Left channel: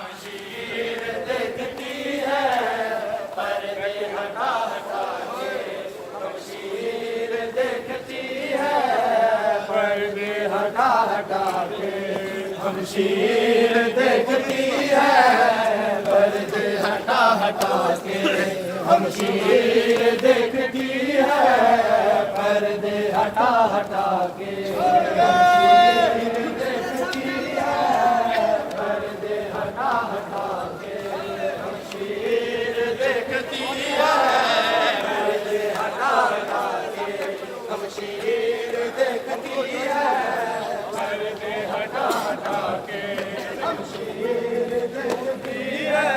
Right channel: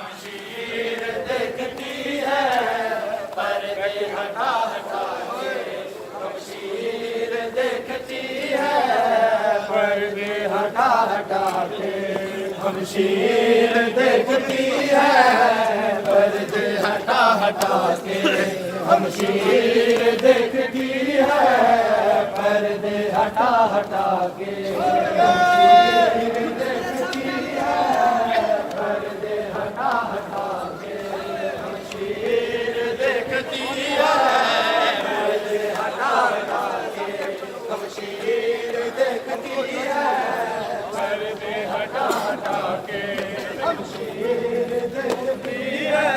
शमशीर देखती है पर्दे हटा हटा के, शमशीर देखती है पर्दे हटा हटा के, शमशीर देखती है पर्दे हटा हटा के, शमशीर देखती है पर्दे हटा हटा के, शमशीर देखती है पर्दे हटा हटा के, शमशीर देखती है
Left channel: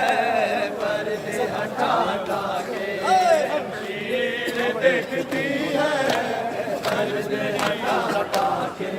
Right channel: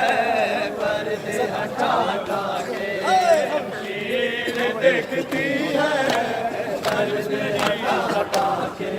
पर्दे हटा हटा के, शमशीर देखती है पर्दे हटा हटा के,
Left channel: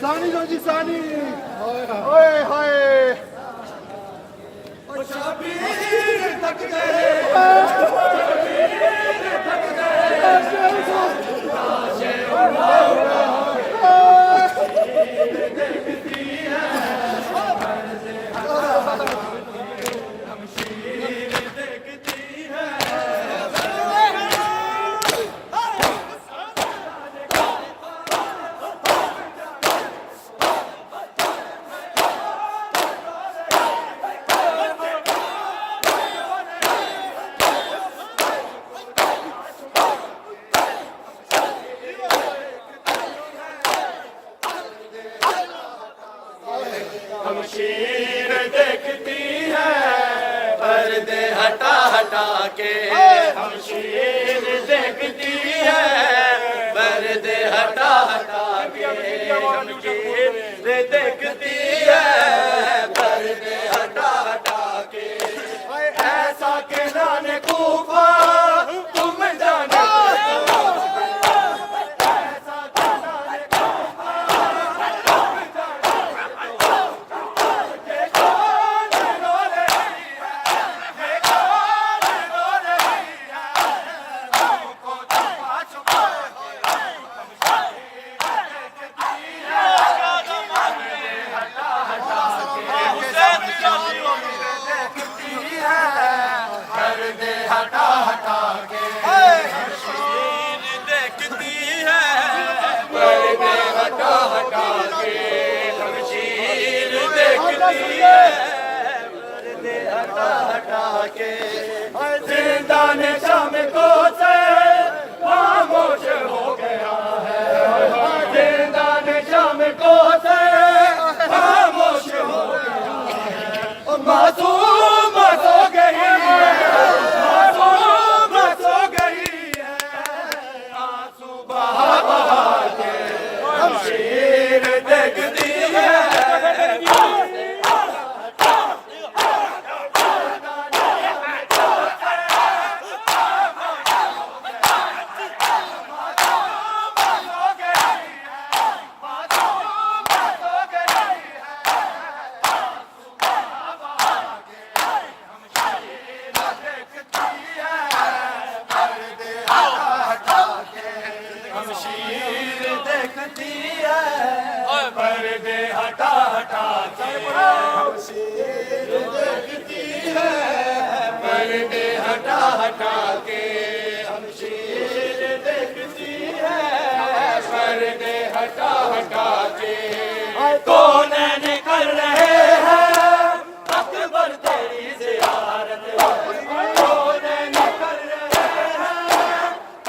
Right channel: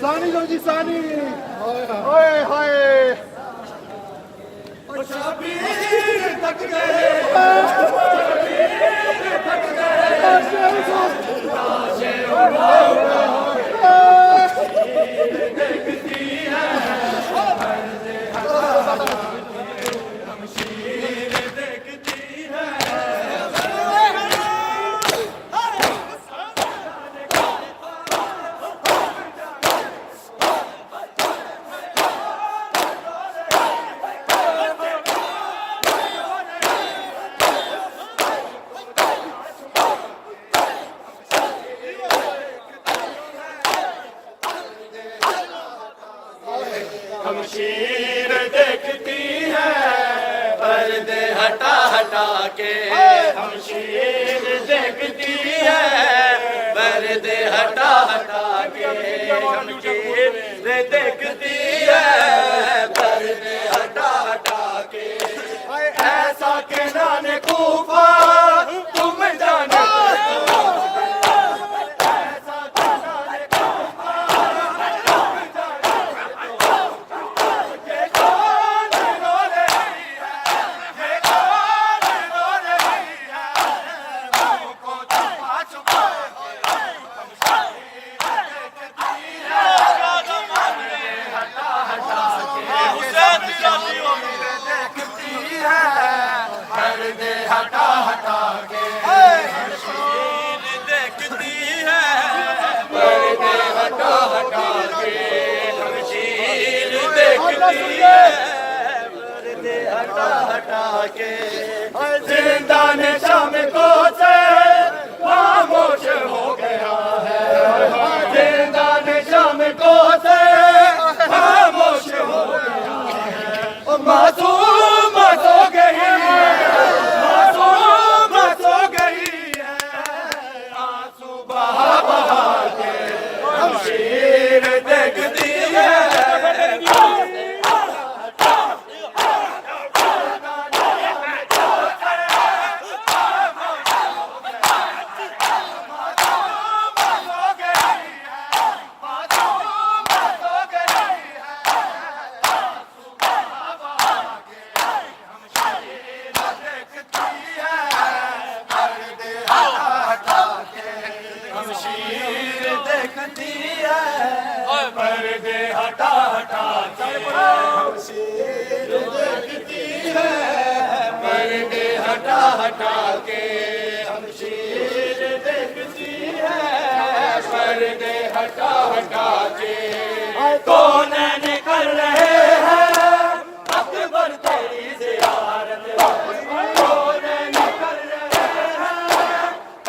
सानी जी सानी ओए हाय शबीर थक गए थक देखती है शमशीर देखती है के हमशीर देखती है, पर्दे हटा हटा के हमशीर देखती है, पर्दे हटा हटा के। ऐसा के जाने खूफा तुम जाने, हटा हटा के देखती है, पर्दे हटा हटा के हमशीर देखती है, पर्दे हटा हटा के। जिंदान शाम को से खामोश हो गया है, जिंदान शाम को से खामोश हो गया है, मासूम हो गई है, हमशीर देखती है, पर्दे हटा हटा के हमशीर देखती है, पर्दे हटा हटा के हमशीर देखती है, पर्दे हटा हटा के। कौन कर रहे हैं अकबर तेरी ज़ियारत, कौन कर रहे हैं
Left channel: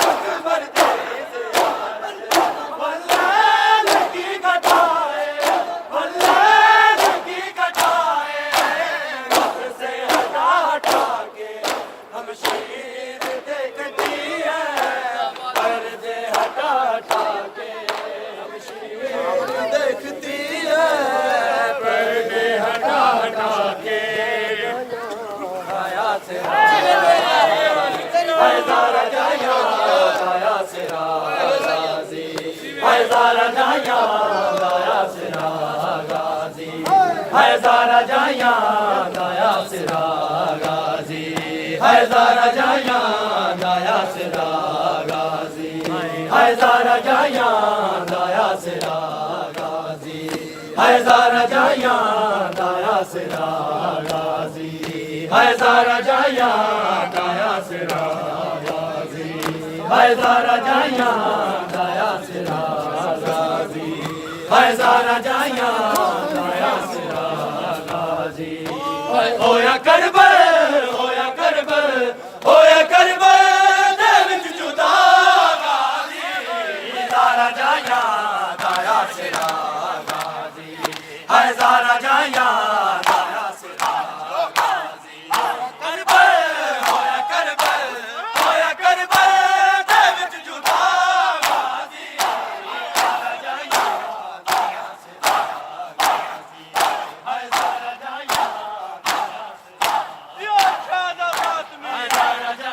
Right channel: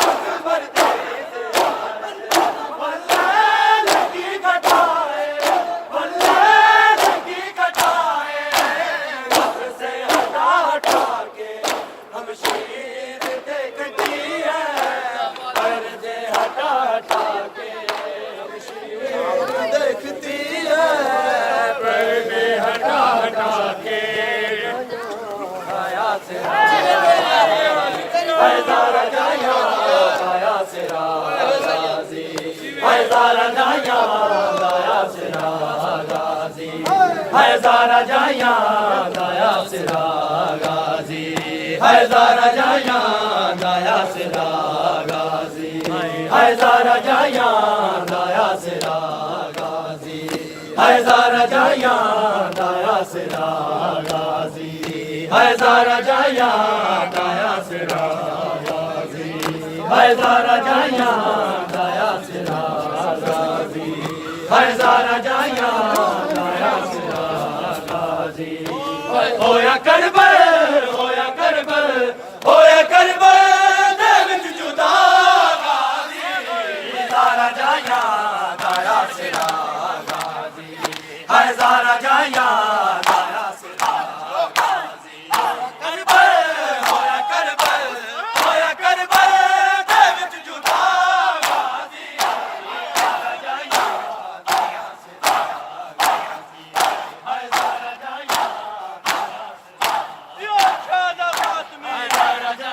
अकबर तेरी ज़ियारत, हज़ारा जाया गाया सिरा गाजी, हज़ारा जाया गाया सिरा गाजी, हज़ारा जाया गाया सिरा गाजी, हज़ारा जाया गाया सिरा गाजी, हज़ारा जाया गाया सिरा गाजी, हज़ारा जाया गाया सिरा गाजी, हज़ारा जाया होया करबल, होया करबल, होया करबल दे विच जुदा गाजी, हज़ारा जाया गाया सिरा गाजी, हज़ारा जाया गाया सिरा गाजी, करबल होया करबल, होया करबल दे विच जुदा गाजी, हज़ारा जाया गाया सिरा गाजी, हज़ारा जाया